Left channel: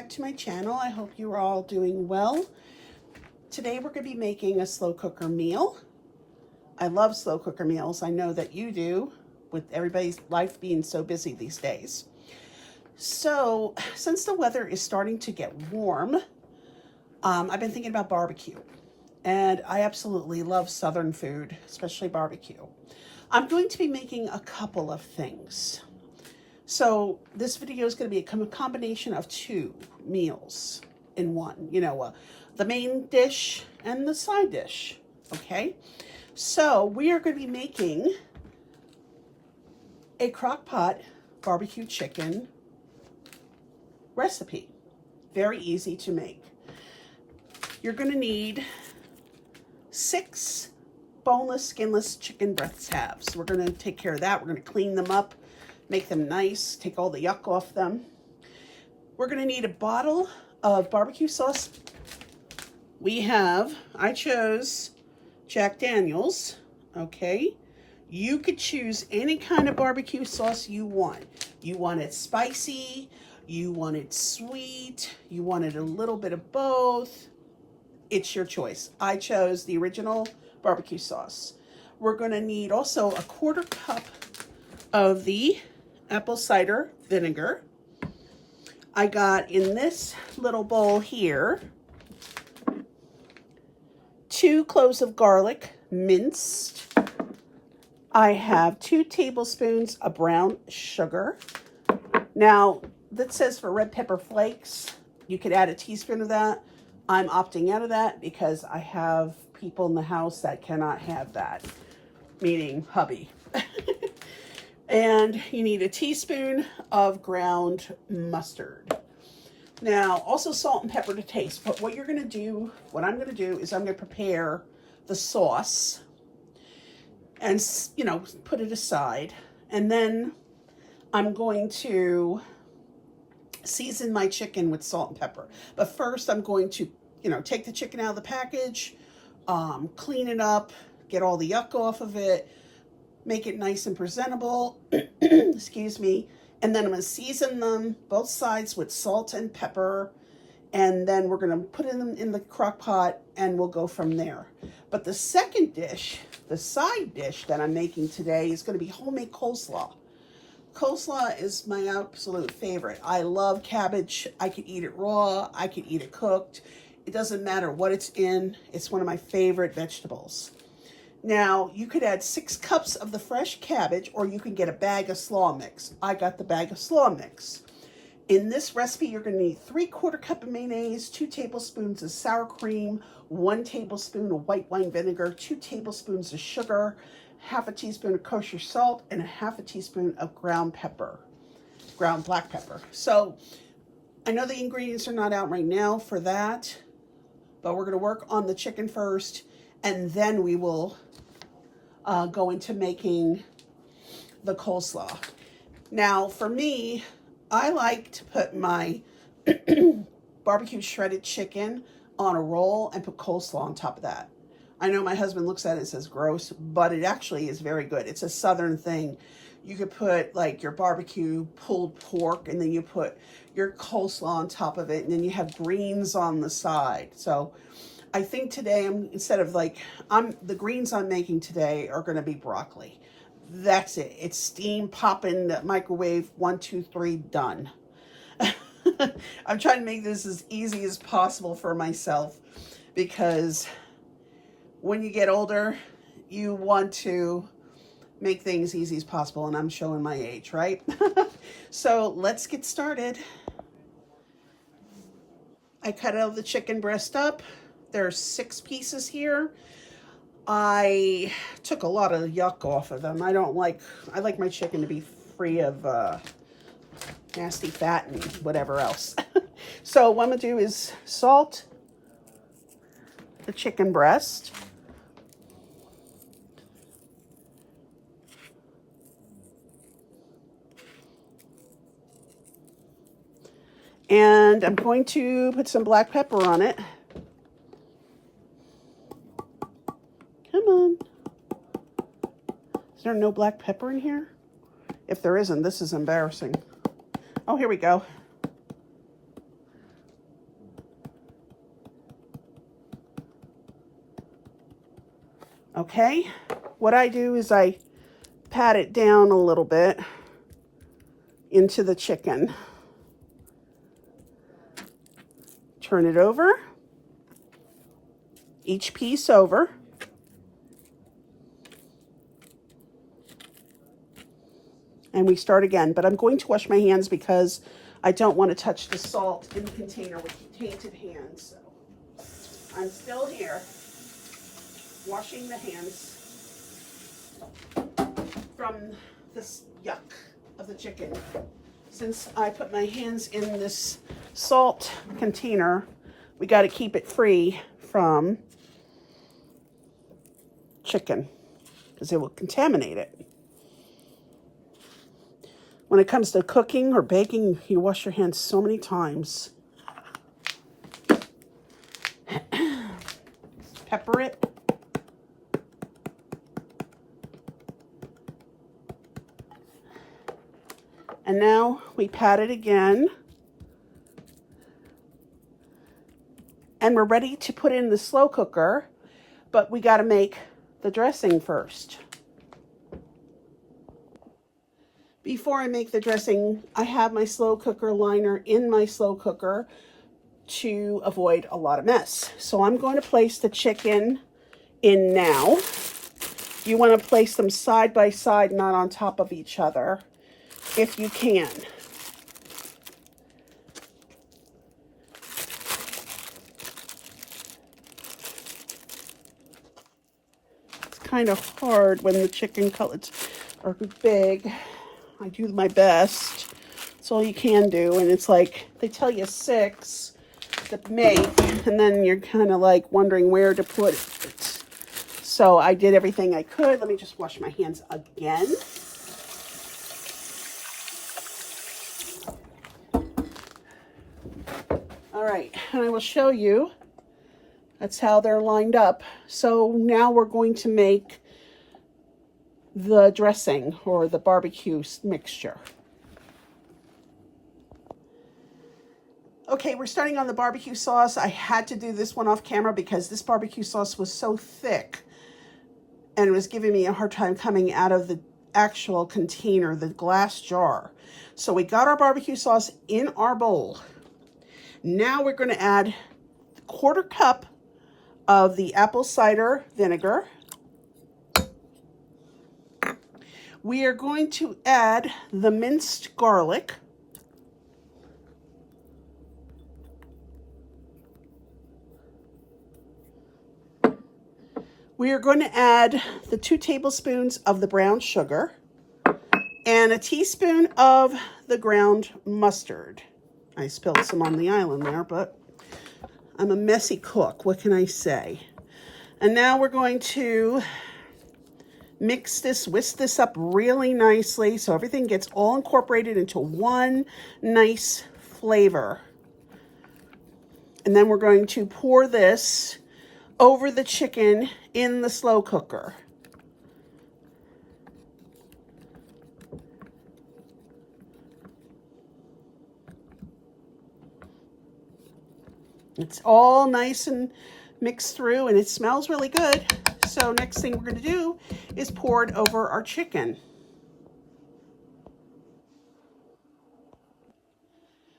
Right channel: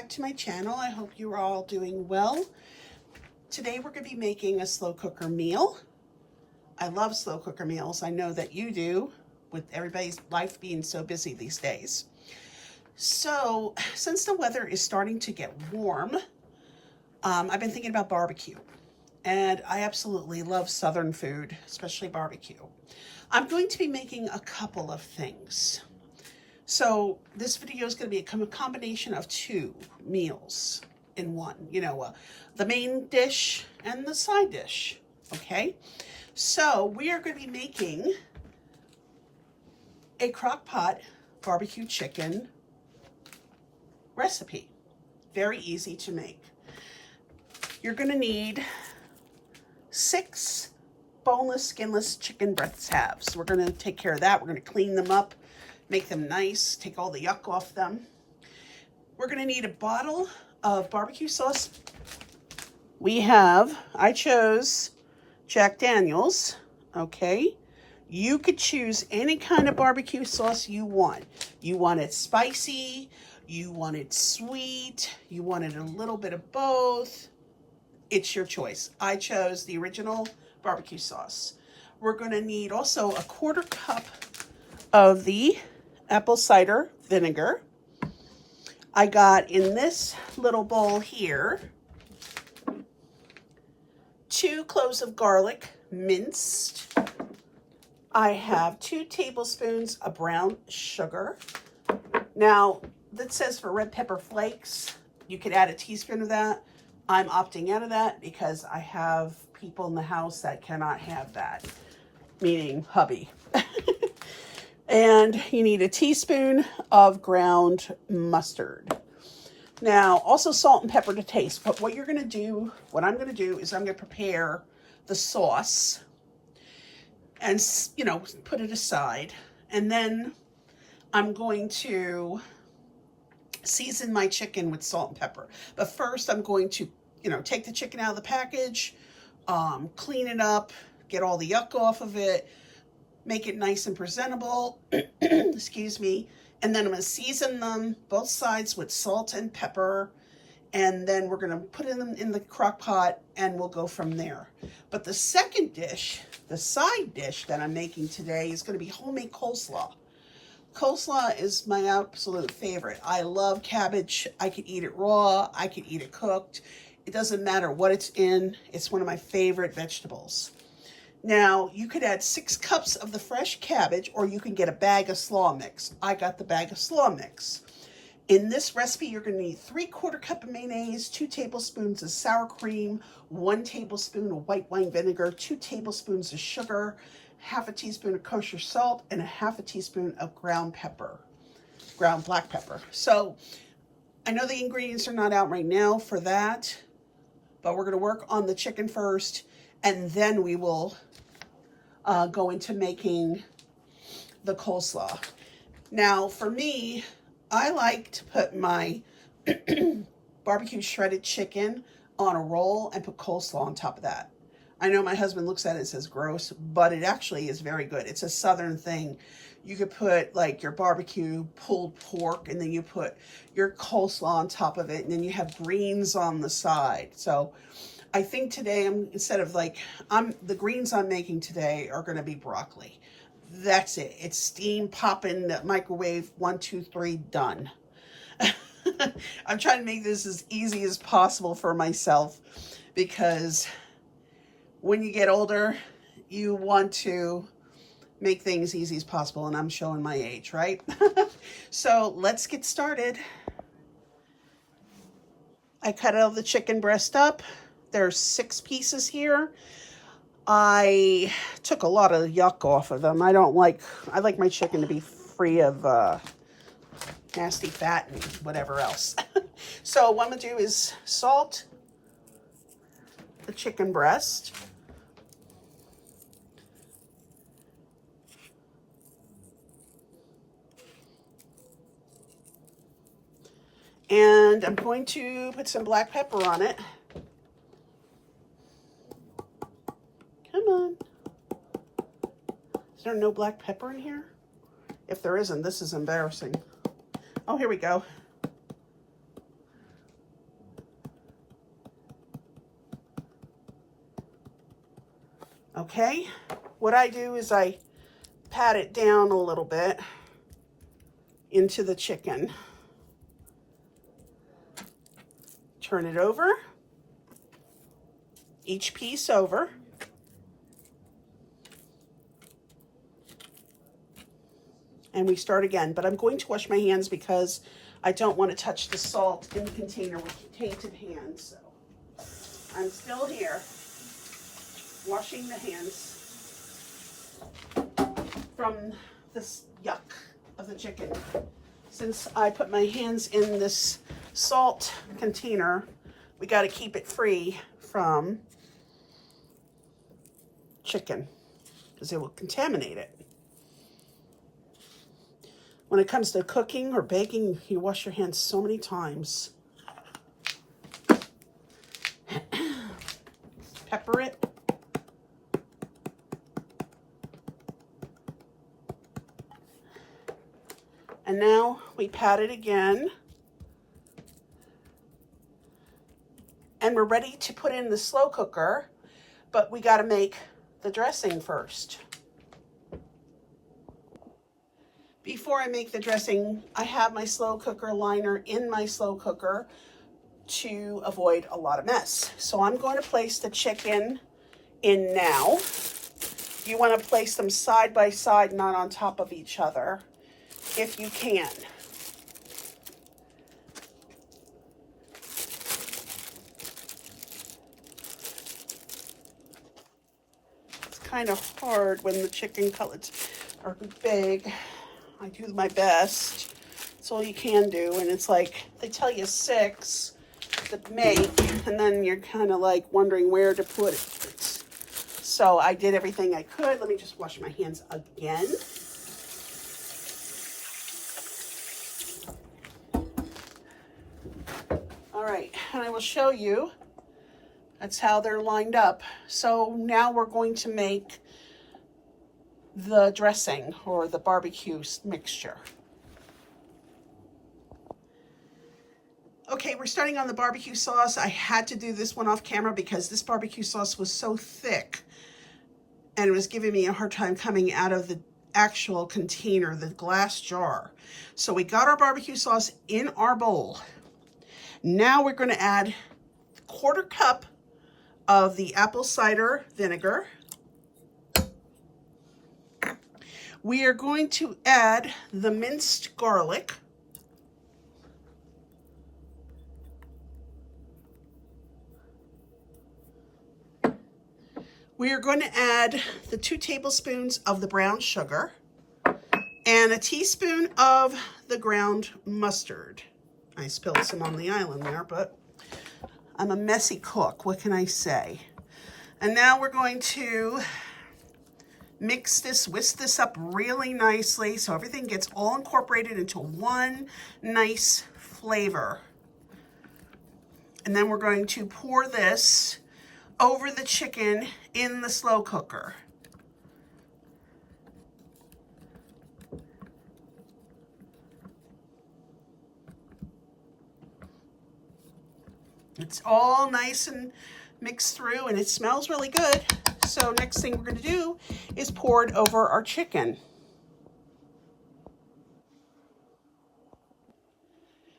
back to my channel. I hope you are all doing well. Today we're going to be making a slow cooker meal. I love slow cooker meals. I know that you do, with everybody's life being so busy these days. So since the weather is starting to get warm, I've been thinking about barbecue. And I absolutely love Southern food, especially barbecue. I'm going to be making a couple of things. So this video is going to be a combination of two meals in one, the main dish and the side dish, okay? So we are going to be making a crock pot barbecue chicken recipe. Very easy to make. You're going to need 6 boneless, skinless chicken breast halves. We're going to take care of that. We're going to clean them up, make them nice, take all the yuck off them. We're going to need a bottle of barbecue sauce. I chose Jack Daniel's, okay? You could choose any kind of barbecue sauce you want. You want it spicy, you want it sweet, you wanted a little bit of both. It's your choice. I chose the original barbecue sauce. We're going to need also a 1/4 cup of the apple cider vinegar. I got in this little bowl here 2 cloves of garlic minced. I have 2 tablespoons of brown sugar. Now, that says for red pepper flakes. You could add a teaspoon of that. I'm opting out of that because I have people in the house that cannot have that, meaning hubby. And you need a teaspoon of ground mustard. Now, also salt and pepper to taste. But what I'm going to do is I'm going to prepare the sauce and, put it aside. And then I'm going to season my chicken with salt and pepper. But first I'm going to, take the chicken out of the package, clean it up, get all the yuck off of it, make it nice and presentable, excuse me, and then I'm going to season them both sides with salt and pepper, and then we're going to put them in the crock pot and we'll go from there. But the second dish, the side dish that I'm making today is going to be homemade coleslaw. Coleslaw is my absolute favorite. I love cabbage. I could eat it raw. I could eat it cooked. It doesn't matter what it's in. It's one of my favorite vegetables. Now, you could add 6 cups of the fresh cabbage, or you can get a bag of slaw mix. I got the bag of slaw mix. In this recipe, you're going to need 3/4 cup of mayonnaise, 2 tablespoons of sour cream, 1 tablespoon of white wine vinegar, 2 tablespoons of sugar, 1/2 teaspoon of kosher salt, and 1/2 teaspoon of ground black pepper. So I know the ingredients are not out right now for that, but we're going to work on the chicken first, and then we will go into making the coleslaw. Now, for me, I like to put my barbecue shredded chicken on a roll and put coleslaw on top of that. I know my husband looks at it and says gross, but it actually is very good. It's a Southern thing. You could put like your barbecue pulled pork, and then you put your coleslaw on top of it, and then you have greens on the side. So I think today the greens I'm making today are going to be broccoli. That's it. It's steam, pop in the microwave, 1, 2, 3, done. I'm trying to make this as easy as possible for myself, because when you get older, you want to make things easy as possible, and I'm showing my age, right? So let's get started. I cut all the chicken breast up. There's 6 pieces here. I took a lot of yuck off of them. I like my chicken to be free of nasty fat and whatever else. So what I'm gonna do is salt the chicken breast. And I'm going to put some black pepper on it. Come on. Is there no black pepper in here? If there isn't, this is embarrassing. Oh, here we go. Okay, what I do is I pat it down a little bit into the chicken. Turn it over, each piece over. And we start again, but I'm going to wash my hands because I don't want to touch the salt in the container with tainted hands. So I'm still here washing the hands from this yuck of the chicken. Since I put my hands in this salt container, we got to keep it free from chicken because it will contaminate it. When it comes to cooking or baking, you wash your hands so many times. Pepper it. And now we pat it again. And we're ready to put in the slow cooker, but we got to make the dressing first. Before I make the dressing, I have my slow cooker liner in my slow cooker to avoid a lot of mess. So I'm going to place the chicken in now. You want to place them side by side, not on top of each other, if you can. It's kind of hard when the chicken cutlets are big. I do my best. That's all you can do. And it's like, they tell you 6 to make, and then you're kind of like wondering where to put it. So I did everything I could. Let me just wash my hands again. All right, and I will show you. That's how they're lined up. So now we're going to make the dressing or the barbecue mixture. Okay, we're starting on the barbecue sauce. I had to do this one off camera because this barbecue sauce was so thick and it was giving me a hard time coming out of the actual container, the glass jar. So we got our barbecue sauce in our bowl. Now we're going to add a 1/4 cup of the apple cider vinegar. We are going to add the minced garlic. We are going to add the 2 tablespoons of the brown sugar and a teaspoon of the ground mustard. I spilled some on the island there, but I'm a messy cook. What can I say? And now we're going to mix this, whisk this up really nicely so everything gets all incorporated into one nice flavor. And then we're going to pour this over the chicken in the slow cooker. It's all nice and mixed through and it smells really good. So next thing we're going to do is pour it over our chicken.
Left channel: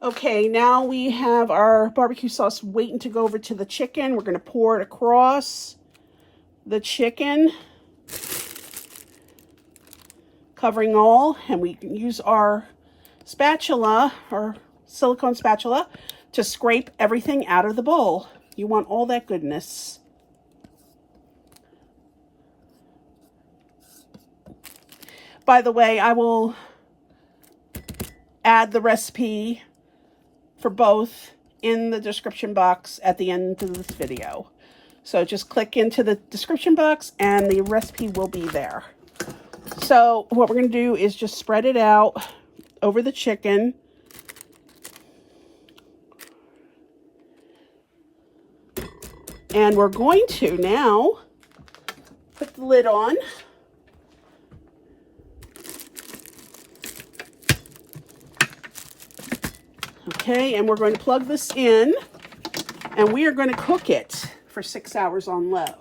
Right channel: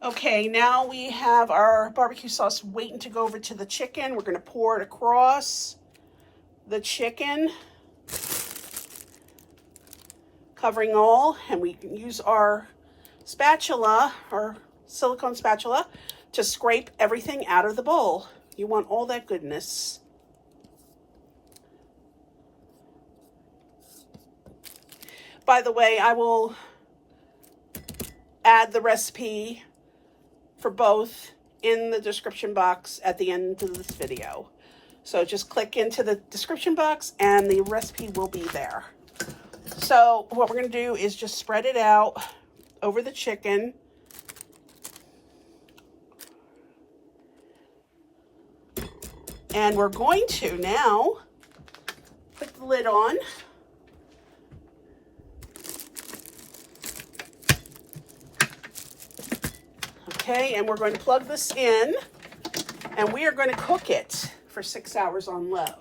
Okay, now we have our barbecue sauce waiting to go over to the chicken. We're going to pour it across the chicken, covering all, and we can use our spatula, our silicone spatula, to scrape everything out of the bowl. You want all that goodness. By the way, I will add the recipe for both in the description box at the end of this video. So just click into the description box and the recipe will be there. So what we're going to do is just spread it out over the chicken. And we're going to now put the lid on. Okay, and we're going to plug this in, and we are going to cook it for 6 hours on low.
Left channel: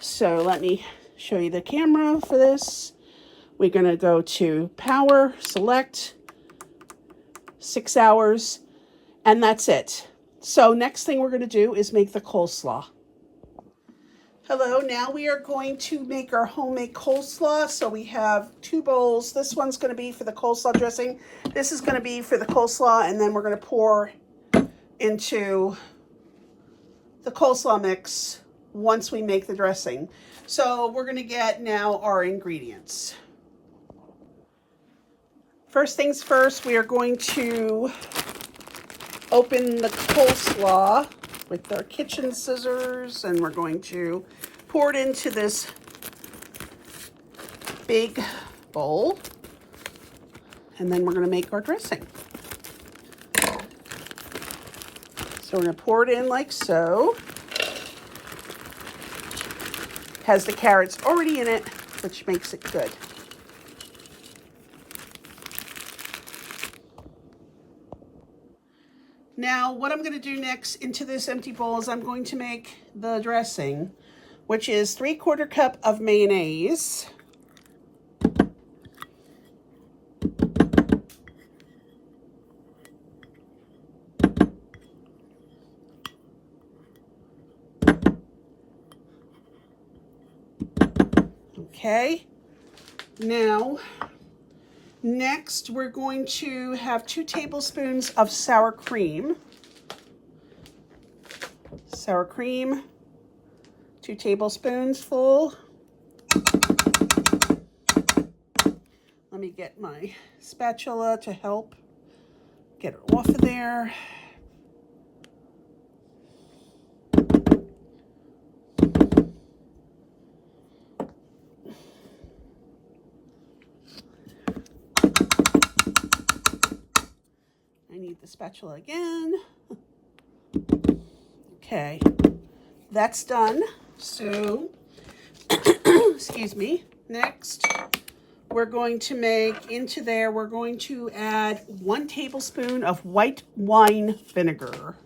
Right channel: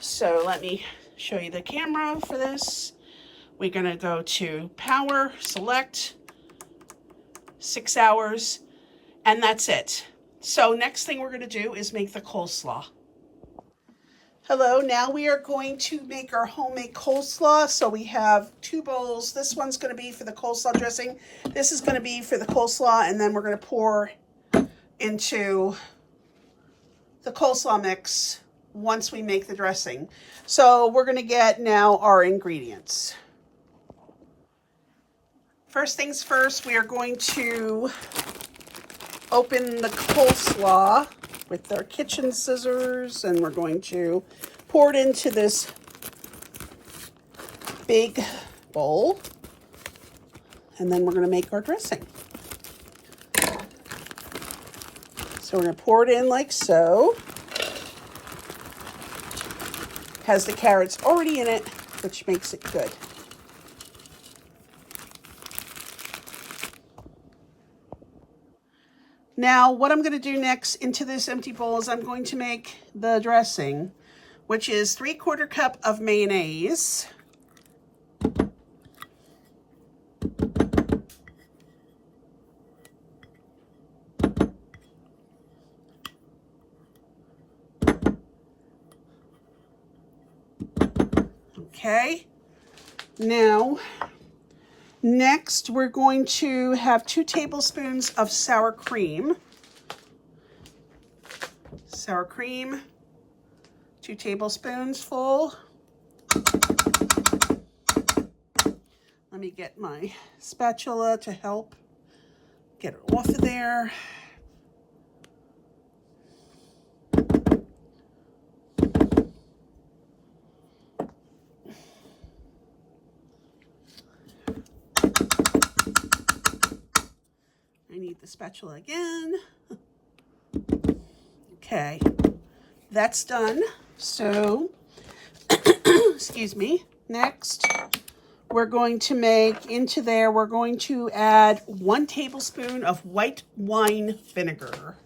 So let me show you the camera for this. We're going to go to power, select, 6 hours, and that's it. So next thing we're going to do is make the coleslaw. Hello, now we are going to make our homemade coleslaw. So we have 2 bowls. This one's going to be for the coleslaw dressing. This is going to be for the coleslaw, and then we're going to pour into the coleslaw mix once we make the dressing. So we're going to get now our ingredients. First things first, we are going to open the coleslaw with our kitchen scissors, and we're going to pour it into this big bowl, and then we're going to make our dressing. So we're going to pour it in like so. It has the carrots already in it, which makes it good. Now, what I'm going to do next into this empty bowl is I'm going to make the dressing, which is 3/4 cup of mayonnaise, okay. Now, next, we're going to have 2 tablespoons of sour cream. Sour cream, 2 tablespoons full. Let me get my spatula to help get it off of there. I need the spatula again. Okay, that's done. So, excuse me. Next, we're going to make into there, we're going to add 1 tablespoon of white wine vinegar.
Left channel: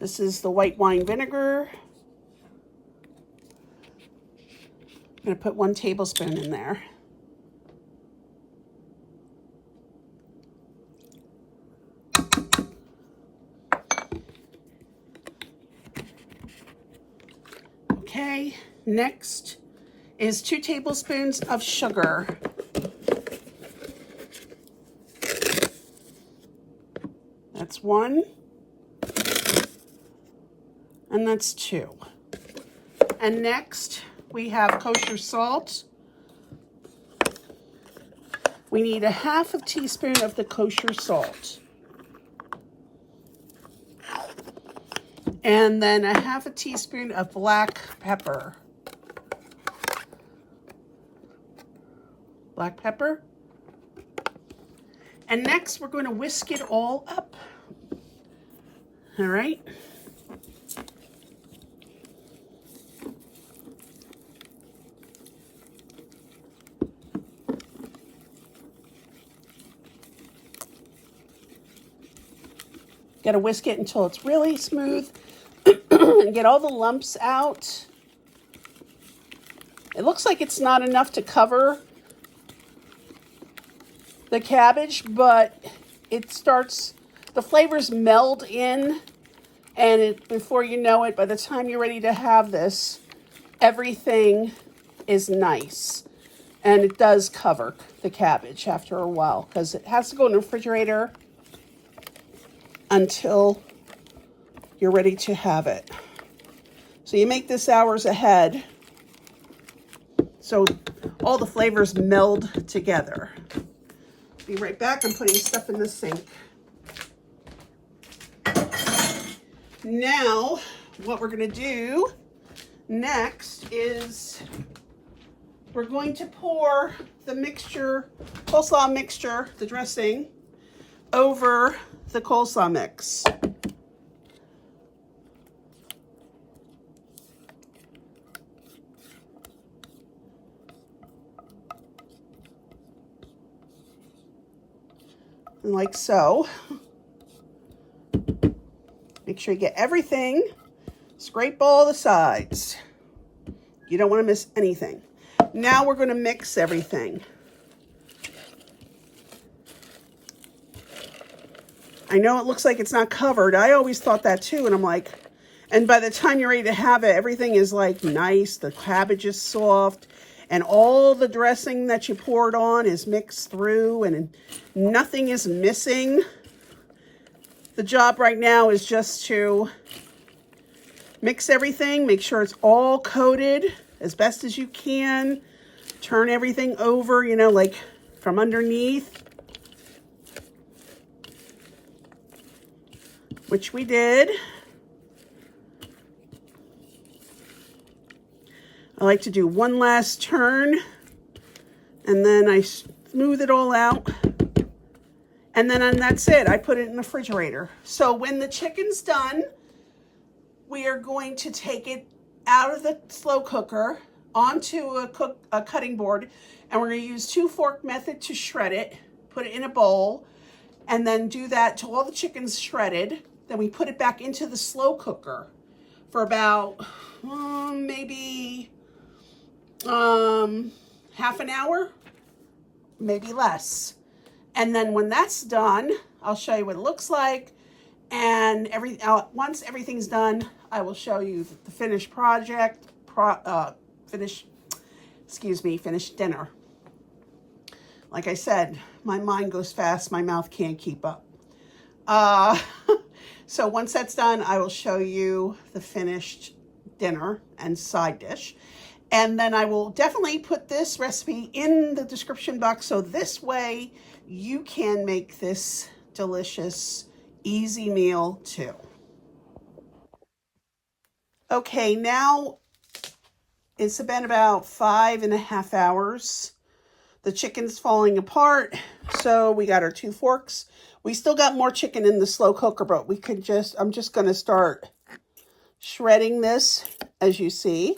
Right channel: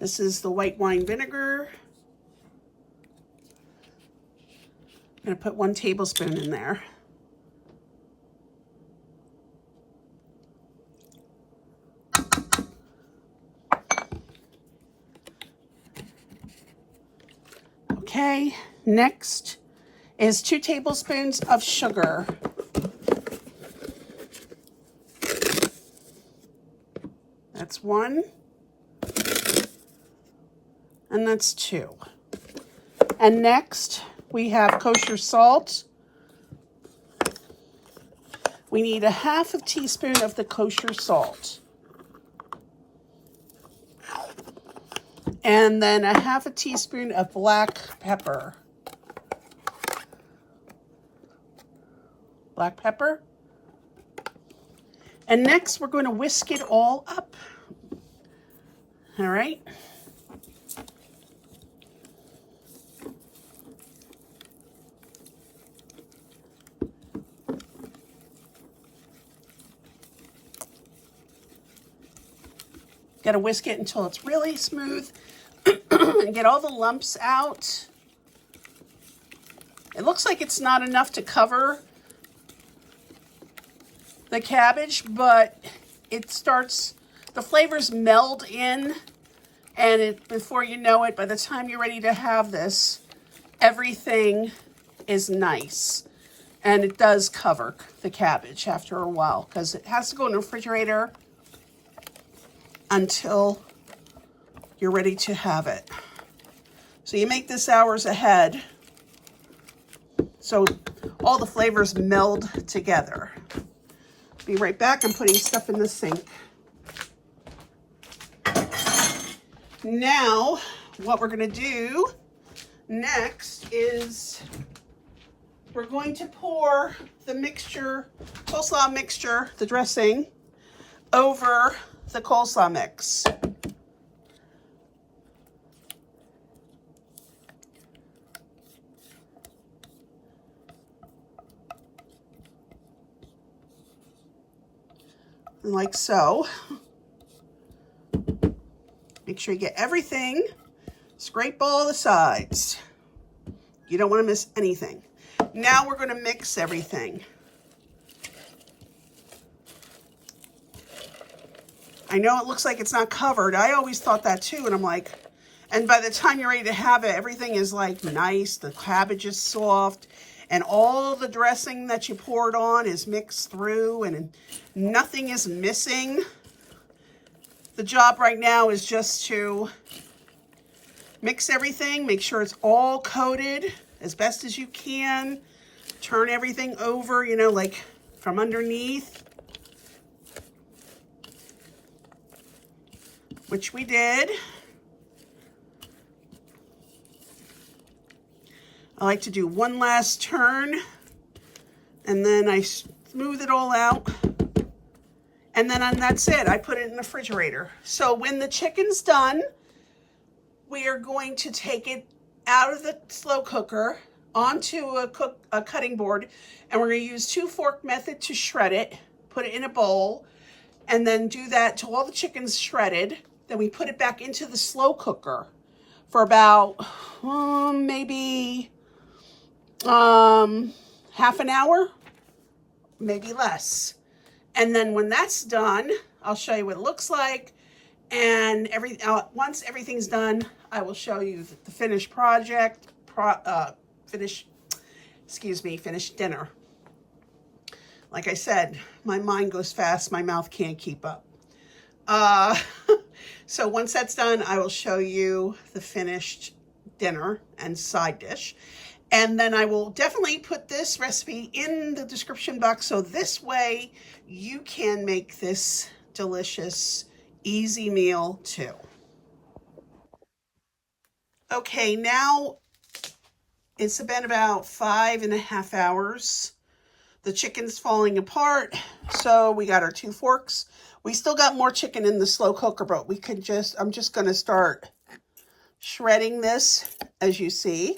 This is the white wine vinegar. I'm going to put 1 tablespoon in there. Okay, next is 2 tablespoons of sugar. That's 1. And that's 2. And next, we have kosher salt. We need a 1/2 teaspoon of the kosher salt. And then a 1/2 teaspoon of black pepper. Black pepper. And next, we're going to whisk it all up. All right. Got to whisk it until it's really smooth and get all the lumps out. It looks like it's not enough to cover the cabbage, but it starts, the flavors meld in, and before you know it, by the time you're ready to have this, everything is nice. And it does cover the cabbage after a while, because it has to go in the refrigerator until you're ready to have it. So you make this hours ahead, so all the flavors meld together. Be right back. I'm putting stuff in the sink. Now, what we're going to do next is we're going to pour the mixture, coleslaw mixture, the dressing, over the coleslaw mix. Like so. Make sure you get everything Scrape all the sides. You don't want to miss anything. Now we're going to mix everything. I know it looks like it's not covered. I always thought that too. And I'm like, and by the time you're ready to have it, everything is like nice. The cabbage is soft and all the dressing that you poured on is mixed through and nothing is missing. The job right now is just to mix everything, make sure it's all coated as best as you can. Turn everything over, you know, like from underneath, which we did. I like to do one last turn and then I smooth it all out. And then that's it. I put it in the refrigerator. So when the chicken's done, we are going to take it out of the slow cooker onto a cutting board, and we're going to use 2-fork method to shred it, put it in a bowl, and then do that till all the chicken's shredded. Then we put it back into the slow cooker for about maybe half an hour, maybe less. And then when that's done, I'll show you what it looks like. And once everything's done, I will show you the finished project, finished dinner. Like I said, my mind goes fast, my mouth can't keep up. So once that's done, I will show you the finished dinner and side dish. And then I will definitely put this recipe in the description box, so this way you can make this delicious, easy meal too. Okay, now it's been about 5.5 hours. The chicken's falling apart, so we got our 2 forks. We still got more chicken in the slow cooker, but I'm just gonna start shredding this, as you see.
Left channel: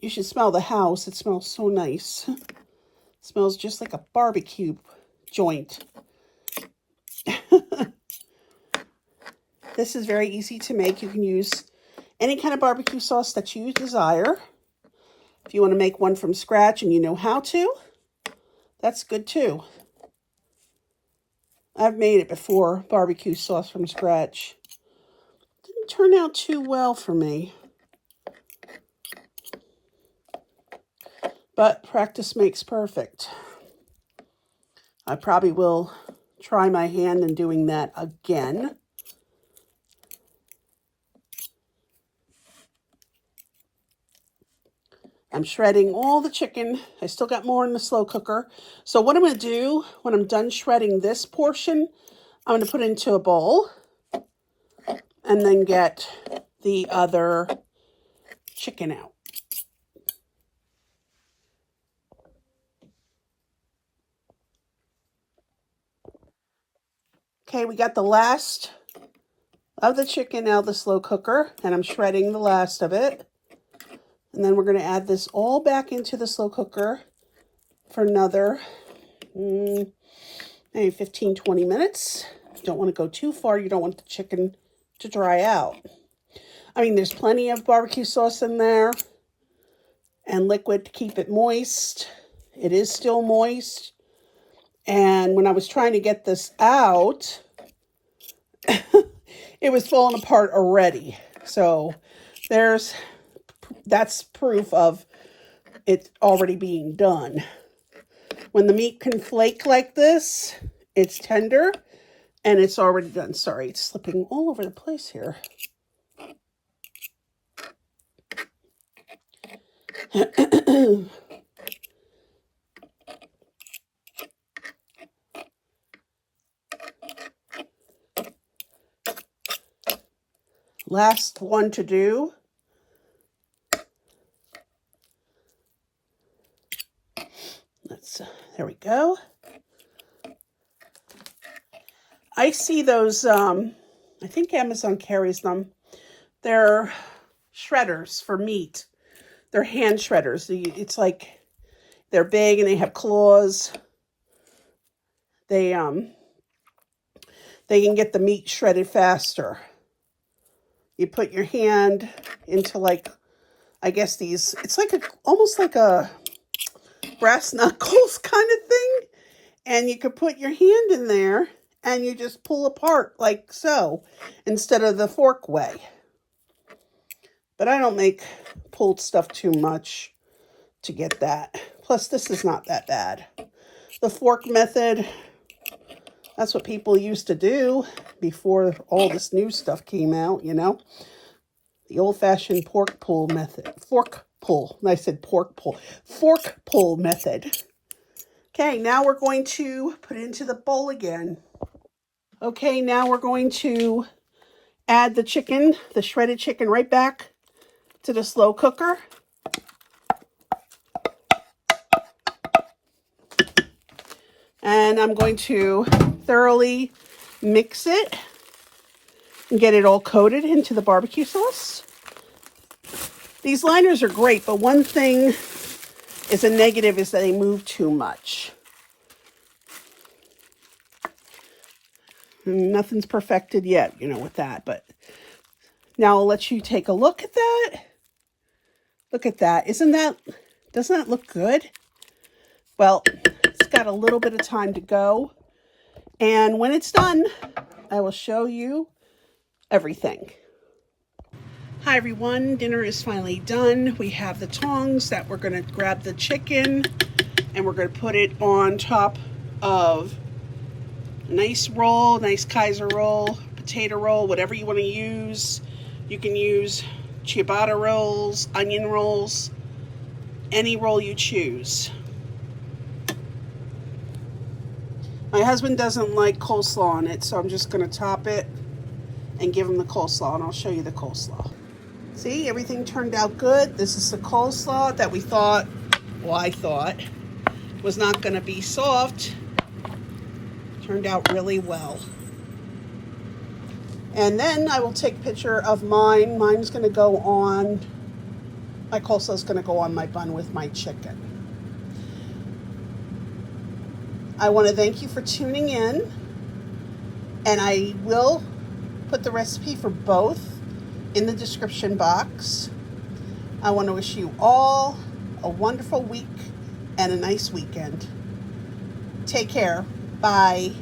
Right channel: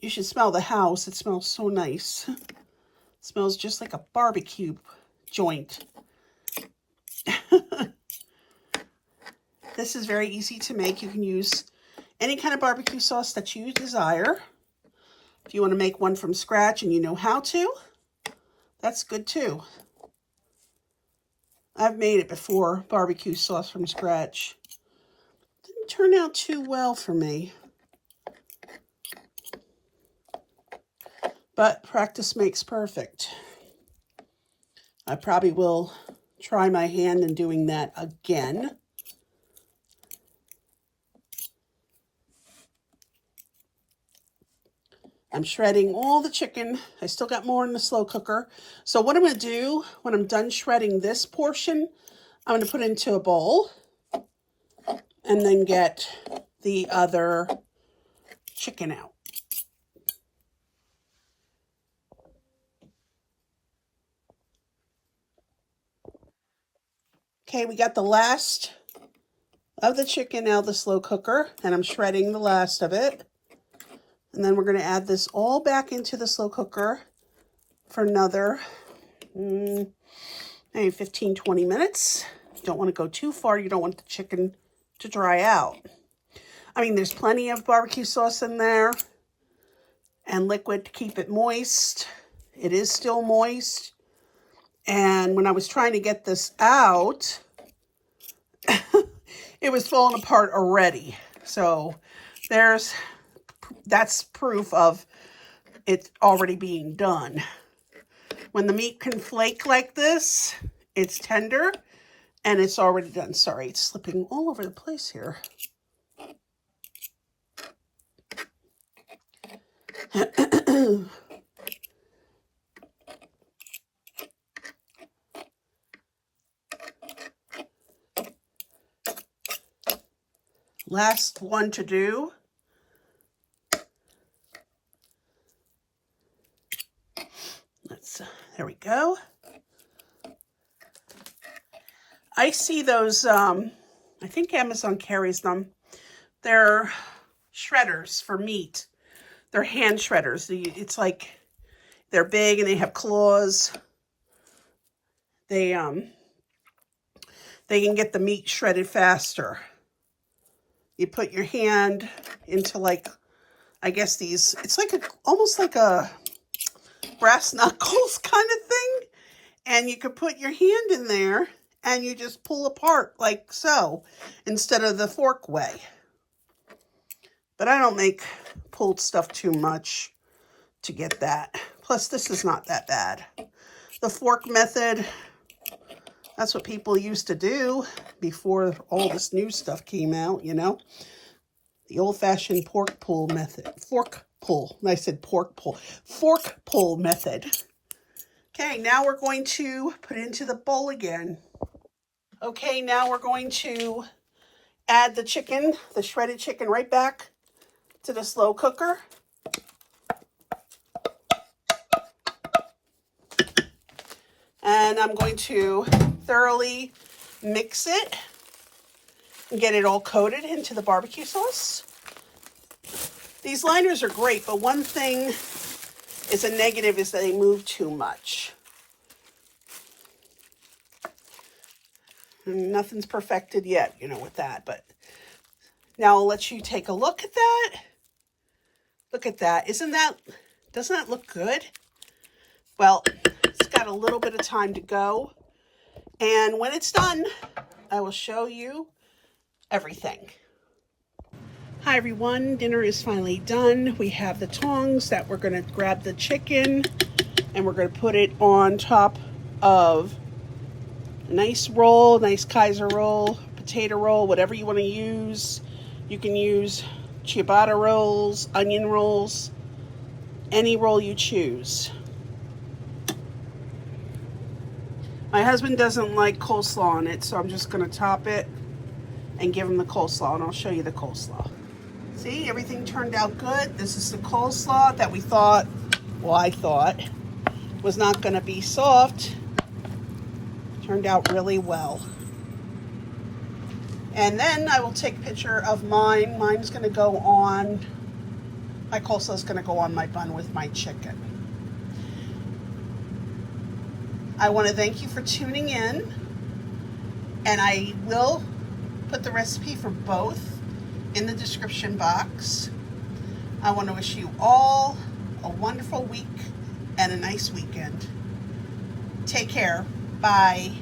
You should smell the house. It smells so nice. It smells just like a barbecue joint. This is very easy to make. You can use any kind of barbecue sauce that you desire. If you want to make one from scratch and you know how to, that's good too. I've made it before, barbecue sauce from scratch. Didn't turn out too well for me. But practice makes perfect. I probably will try my hand in doing that again. I'm shredding all the chicken. I still got more in the slow cooker. So what I'm going to do when I'm done shredding this portion, I'm going to put it into a bowl and then get the other chicken out. Okay, we got the last of the chicken out of the slow cooker, and I'm shredding the last of it. And then we're going to add this all back into the slow cooker for another maybe 15, 20 minutes. You don't want to go too far. You don't want the chicken to dry out. I mean, there's plenty of barbecue sauce in there and liquid to keep it moist. It is still moist. And when I was trying to get this out, it was falling apart already. So that's proof of it already being done. When the meat can flake like this, it's tender and it's already done. Sorry, it's slipping all over the place here. Last one to do. There we go. I see those, I think Amazon carries them. They're shredders for meat. They're hand shredders. It's like, they're big and they have claws. they can get the meat shredded faster. You put your hand into, like, I guess these, it's like almost like a brass knuckles kind of thing. And you could put your hand in there and you just pull apart like so, instead of the fork way. But I don't make pulled stuff too much to get that. Plus, this is not that bad. The fork method, that's what people used to do before all this new stuff came out, you know. The old-fashioned pork pull method. Fork pull. I said pork pull. Fork pull method. Okay, now we're going to put it into the bowl again. Okay, now we're going to add the chicken, the shredded chicken, right back to the slow cooker. And I'm going to thoroughly mix it and get it all coated into the barbecue sauce. These liners are great, but one thing is a negative is that they move too much. Nothing's perfected yet, you know, with that, but now I'll let you take a look at that. Look at that. Doesn't that look good? Well, it's got a little bit of time to go. And when it's done, I will show you everything. Hi everyone, dinner is finally done. We have the tongs that we're going to grab the chicken and we're going to put it on top of a nice roll, nice Kaiser roll, potato roll, whatever you want to use. You can use ciabatta rolls, onion rolls, any roll you choose. My husband doesn't like coleslaw on it, so I'm just going to top it and give him the coleslaw, and I'll show you the coleslaw. See, everything turned out good. This is the coleslaw that we thought, well, I thought, was not going to be soft. Turned out really well. And then I will take a picture of mine. Mine's going to go on, my coleslaw is going to go on my bun with my chicken. I want to thank you for tuning in, and I will put the recipe for both in the description box. I want to wish you all a wonderful week and a nice weekend. Take care. Bye.